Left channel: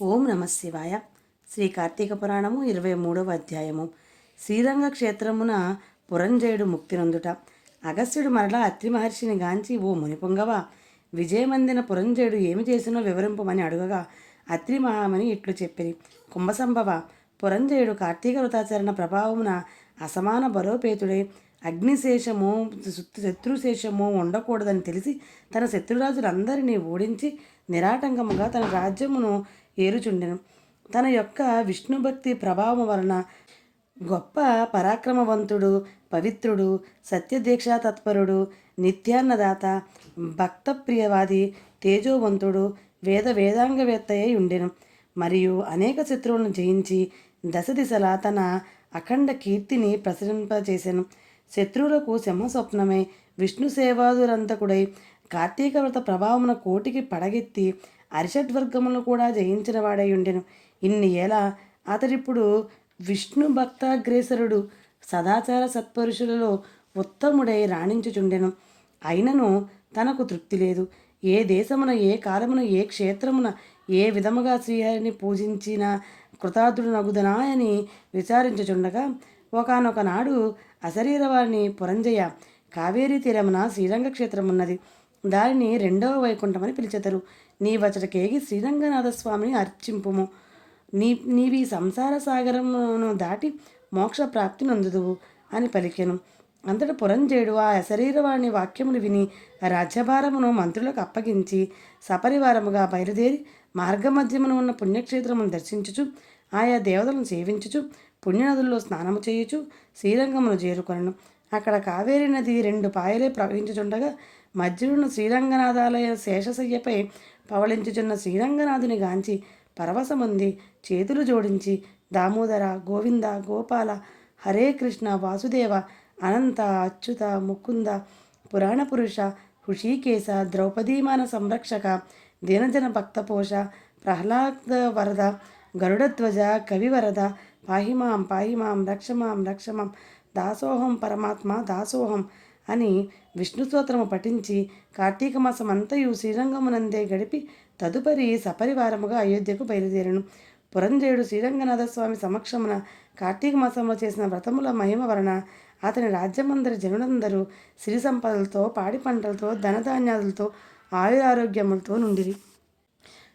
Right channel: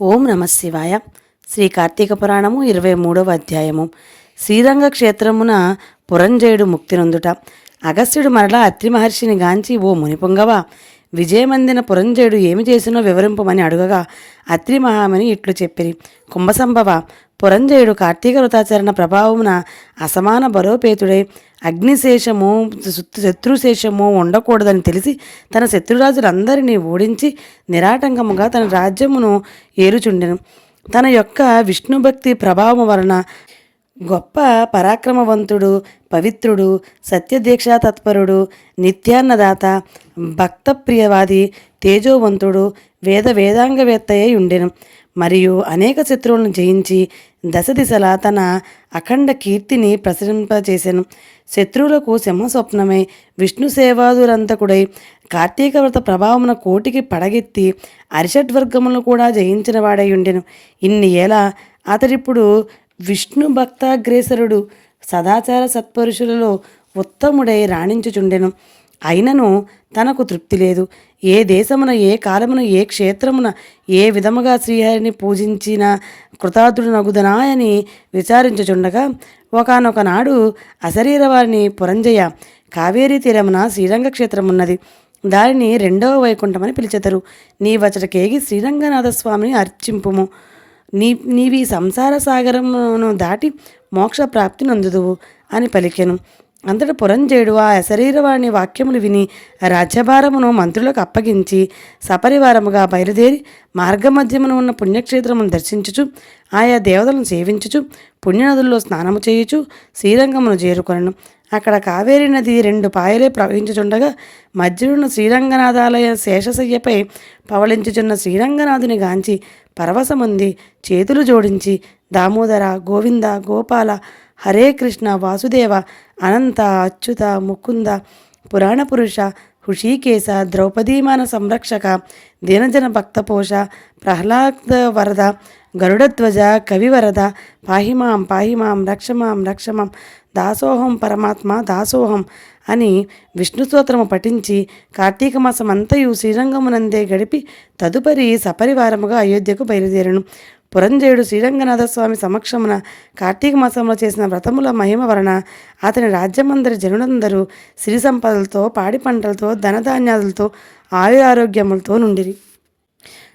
ఓం నమ శివాయ. శ్రీ కార్తీక పురాణము ఇరవై మూడవ అధ్యాయము. శ్రీరంగ క్షేత్రమున పురంజయుడు ముక్తి నొందుట. అగస్త్యుడు మరలా అత్రి మహర్షిని గాంచి ఓ మునిపొంగవ విజయమందిన పురంజయుడు ఏమి చేసినో వివరింపమని అడుగగా అత్రి మహామని ఇట్లు చెప్పిరి కుంభసంభవ పురంజయుడు కార్తీక వృతాచరణ ప్రభావమున అసమాన బలోపేతుడై అగ్నిశేషము శత్రుశేషము ఉండకూడదని తెలిసి తన శత్రురాజులందరినీ ఓడించి నిరాటంకముగా తన రాజ్యమును ఏరుచుండెను. తన యొక్క విష్ణుభక్తి ప్రభావం వలన గొప్ప పరాక్రమవంతుడు పవిత్రుడు సత్యదీక్షా తత్పరుడు నిత్యాన్నదాత భక్తప్రియవాది తేజోవంతుడు వేద వేదాంగవేత్త అయి ఉండెను. మరియు అనేక శత్రువులను జయించి దశ దిశలా తన అఖండ కీర్తిని ప్రసరింపచేసెను శత్రువులకు సింహస్వప్నమై విష్ణు సేవాదురంతకుడై కార్తీక వ్రత ప్రభావమున కోటికి పడగెత్తి అరిషడ్వర్గములను కూడా జయించిన వాడై ఉండెను. ఇన్ని ఏలా అతడిప్పుడు విష్ణు భక్తాగ్రేసరుడు సదాచార సత్పురుషులలో ఉత్తముడై రాణించుచుండెను. అయినను తనకు తృప్తి లేదు. ఏ దేశమున ఏ కాలమున ఏ క్షేత్రమున ఏ విధముగా శ్రీహరిని పూజించిన కృతార్థుడు నగుదనాయని విచారించుచుండగా ఒకనొక నాడు అశరీర వారిని పురంజయ కావేరీ తీరమున శ్రీరంగ క్షేత్రమున్నది. దానిని రెండవ వైకుంఠమని పిలిచెదరు. నీ వచటకేగి శ్రీరంగనాథస్వామిని అర్చింపుము. నీ నీవి సంసార సాగరమును దాటి మోక్ష ప్రాప్తి నందుదువు అని పలికెను. అంతట పురంజేయుడు ఆ అశరీరవాణి వాక్యములు విని రాజ్యభారమును మంత్రులకు అప్పగించి సపరివారముగా బయలుదేరి మార్గమధ్యమున ఉన్న పుణ్యక్షేత్రమును దర్శించుచు ఆయా దేవతలను సేవించుచు పుణ్యనదుల్లో స్నానము చేయుచు శ్రీరంగమును చేరుకొనను. అక్కడ కావేరీ నది రెండు పాయలే ప్రవహించుచుండగా మధ్యనున్న శ్రీరంగనాథాలయ శేషశయ్యపై పవళించుచున్న శ్రీరంగనాథుని గాంచి పరవశముంది చేతులు జోడించి దామోదర గోవింద గోపాల హరే కృష్ణ వాసుదేవ అనంత అచ్యుత ముకుంద పురాణ పురుష హృషీకేశ ద్రౌపదీమాన సంరక్షక దీనజన భక్తపోష ప్రహ్లాద వరద గరుడధ్వజ కవివరద పాహిమాం పాహిమాం రక్షమాం రక్షమాం దాసోహం పరమాత్మ దాసోహం అని విష్ణు స్తోత్రము పఠించి కార్తీక మాసం అంతయు శ్రీరంగమునందే గడిపి తదుపరి సపరివారముగా అయోధ్యకు బయలుదేరను. పురంజయుడు శ్రీరంగనాథస్వామి సమక్షమున కార్తీక మాసంలో చేసిన వ్రతముల మహిమ వలన అతని రాజ్యమందరి జనులందరూ సిరి సంపదలతో పాడి పంటలతో ధనధాన్యాలతో ఆయు ఆరోగ్యములతో నుండిరి.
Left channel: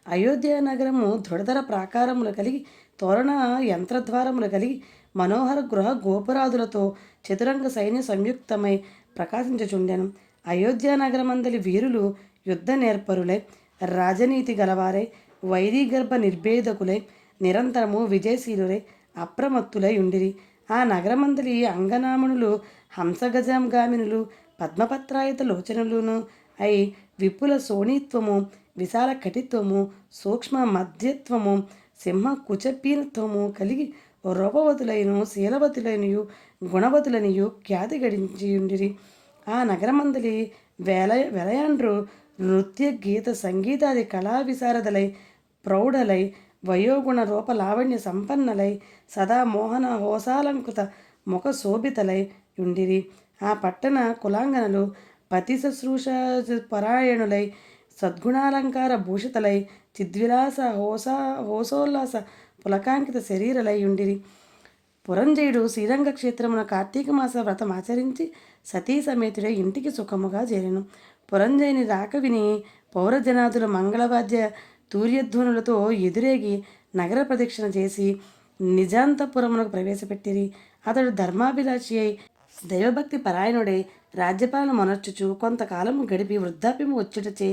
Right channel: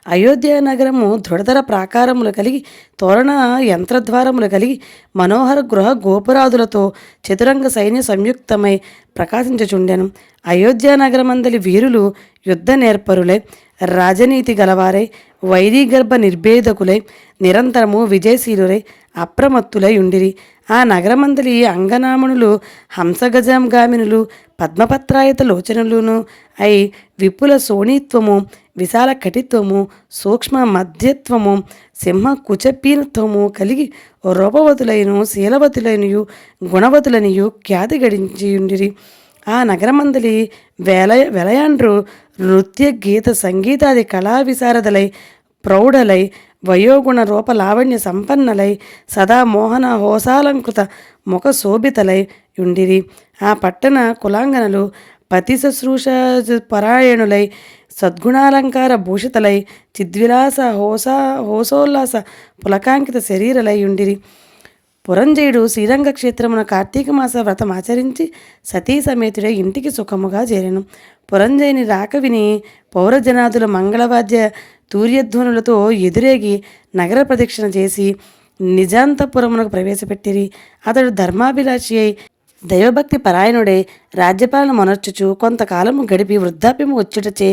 అయోధ్య నగరము దృఢతర ప్రాకారములు కలిగి తోరణ యంత్రద్వారములు కలిగి మనోహర గృహ గోపురాదులతో చతురంగ సైన్య సంయుక్తమై ప్రకాశించుచుండెను. అయోధ్య నగరమందలి వీరులు యుద్ధ నేర్పరులై రాజనీతి గలవారై వైరీగర్భ నిర్భేదకులై నిరంతరము విజయశీలురై అప్రమత్తులై ఉండిరి ఆ నగరమందలి అంగనామణులు హంసగజంగామినులు పద్మపత్రాయత లోచనలును అయి విపుల సోణిత్వము విశాల కటిత్వము సూక్ష్మ మధ్యత్వము సింహ కుచపీనత్వము కలిగి రూపవతులైన శీలవతులైనయు గుణవతులనియు ఖ్యాతి గడించి ఉండిరి ఆ నగరమందలి వేల వెలయాండ్రు నృత్య గీత సంగీతాది కళా విశారదలై ప్రౌఢలై వయోగుణ రూప లావణ్య సంపన్నలై సదా మోహన హోసాలంకృత ముఖ శోభితలై ఉండిరి. ఆ పట్టణ కులాంగనలు పతి శుశ్రూష పరాయణులై సద్గుణాలంకార భూషితలై చిద్విలాస హోసా హోసోల్లాస పులకాంకిత శరీరలై ఉండిరి. పురంజయుడు శ్రీరంగ క్షేత్రమున కార్తీక మాస వ్రతం ఆచరించి సతీ సమేతుడే ఇంటికి సుఖముగా చేరెను. పురంజయుని రాక విని పౌరజనాదుల మంగళవాద్య తూర్యధ్వనులతో ఎదురేగి నగర ప్రదక్షిణ చేసి నిజాంతపురమునకు ప్రవేశపెట్టిరి. అతడు ధర్మాభిలాషి అయి దైవభక్తి పరాయణుడే రాజ్యపాలన మొనర్చుచు కొంతకాలము గడిపి వృద్ధాప్యము వచ్చుటచే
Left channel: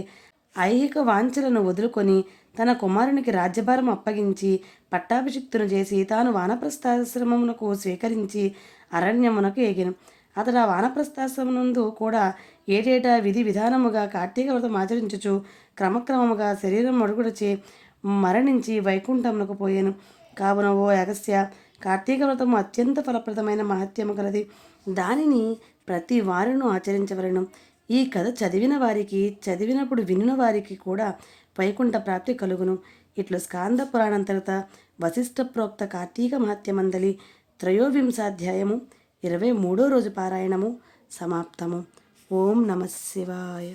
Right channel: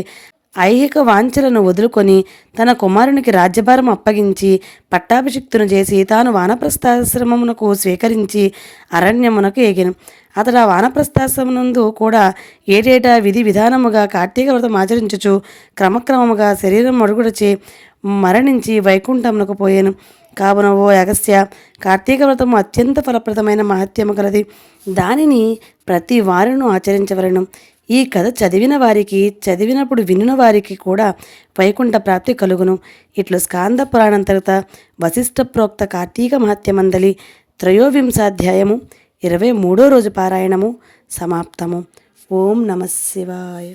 ఐహిక వాంఛలను వదులుకొని తన కుమారునికి రాజ్యభారం అప్పగించి పట్టాభిషిక్తును చేసి తాను వానప్రస్థాశ్రమమునకు స్వీకరించి అరణ్యమునకు ఎగిన. అతడు ఆ వానప్రస్థాశ్రమనందు కూడా ఏటేటా విధి విధానముగా కార్తీక వ్రతం ఆచరించుచు క్రమక్రమముగా శరీరం మడుగుడచే మరణించి వైకుంఠమునకు పోయాను. కావున ఓ అగస్త్య కార్తీక వ్రతము అత్యంత ఫలప్రదమైన మహత్యము కలది. దానిని ప్రతి వారును ఆచరించవలను. ఈ కథ చదివిన వారికి చదివినప్పుడు వినిన వారికి కూడా వైకుంఠ ప్రాప్తి కలుగును. ఇట్లు స్కాంద పురాణం తరువాత వశిష్ఠ ప్రోక్త కార్తీక మహత్యమందలి త్రయోవింశాధ్యాయము ఇరవై మూడో రోజు పారాయణము సమాప్తము. ఓం నమ శివాయ.